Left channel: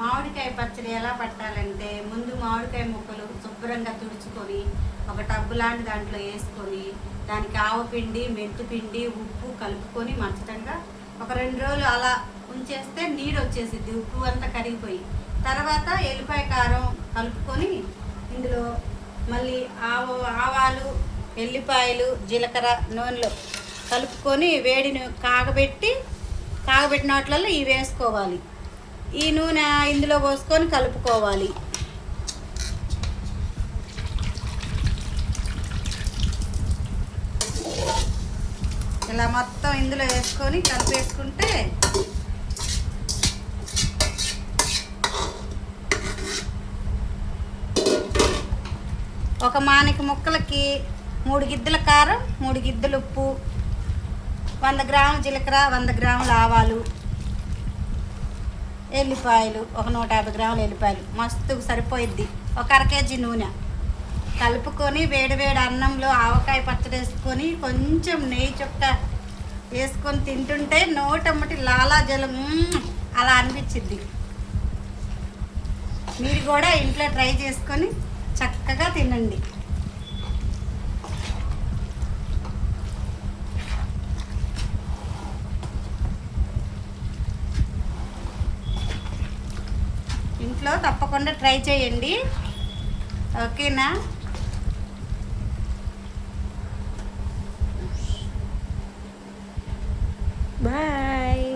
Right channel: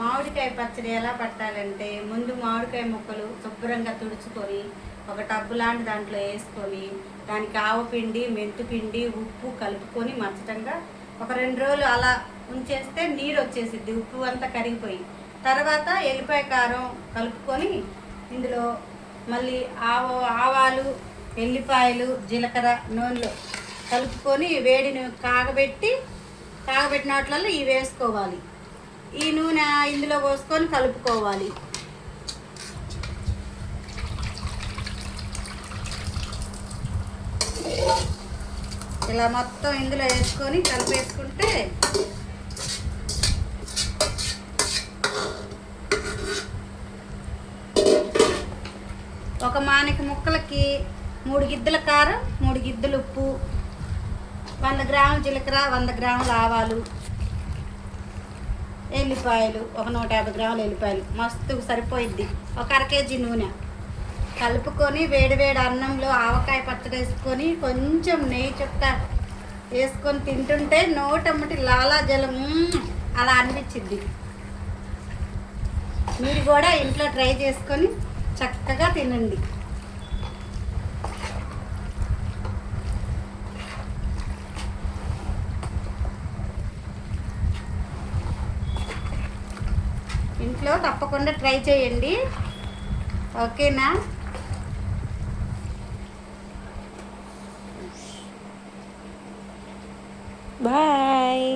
మామిడికాయ పచ్చడి ఎలా పట్టాలంటే ముందు మామిడికాయ ముక్కలు శుభ్రంగా తుడుచుకొని ఒక టబ్బు లాంటి దాంట్లో వేసుకొని దానికి ఆవపిండి మెంతిపిండి ఉప్పు కలుపుకొని మచ్చటంగా ఒక 2 రోజులు అలా ఉంచేస్తే నీరు వచ్చేసిద్ది, ఉప్పు అంతా కరిగిపోయి. తర్వాత ఎల్లిపాయ కారం కలుపుకొని ఇందులో మళ్ళీ ఆవాలు ఎల్లిపాయలు జీలకర్ర నూనెలో కలుపుకొని వేడిని కాగబెట్టిన వాటిలలో ఇవి వేసుకోవాలి. ఈ నూనె ఇందులో పోసుకొని కలుపుకోవాలి. ఇలా మొత్తం ఇందులో వేసుకొని కలిపేసుకుంటే ఒక మానిక ముక్కలకి 3 గిద్దల కారం, 3 గిద్దలు ఉప్పు, 100 గ్రాముల జీలకర్ర, 100 గ్రాముల ఆవాలు, ఎల్లిపాయలు ఒక 150 గ్రాముల ఎల్లిపాయలు మస్తు సరిపోయిద్ది. ఒక 1/2 కేజీ నూనె కలుపుకొని వేడివేడి అన్నంలో ఆవకాయ పచ్చడి వేసుకొని కొంచెం నెయ్యి చుక్క వేసుకొని తింటుంటే నోటమ్మటి లాలాజలం అలా అనిపించిద్ది. మీరు కూడా ఇంట్లో ట్రై చేసుకొని చక్కగా తినండి. ఇంట్లో తప్పకుండా ట్రై చేయండి, ఓకేనా? బాయ్.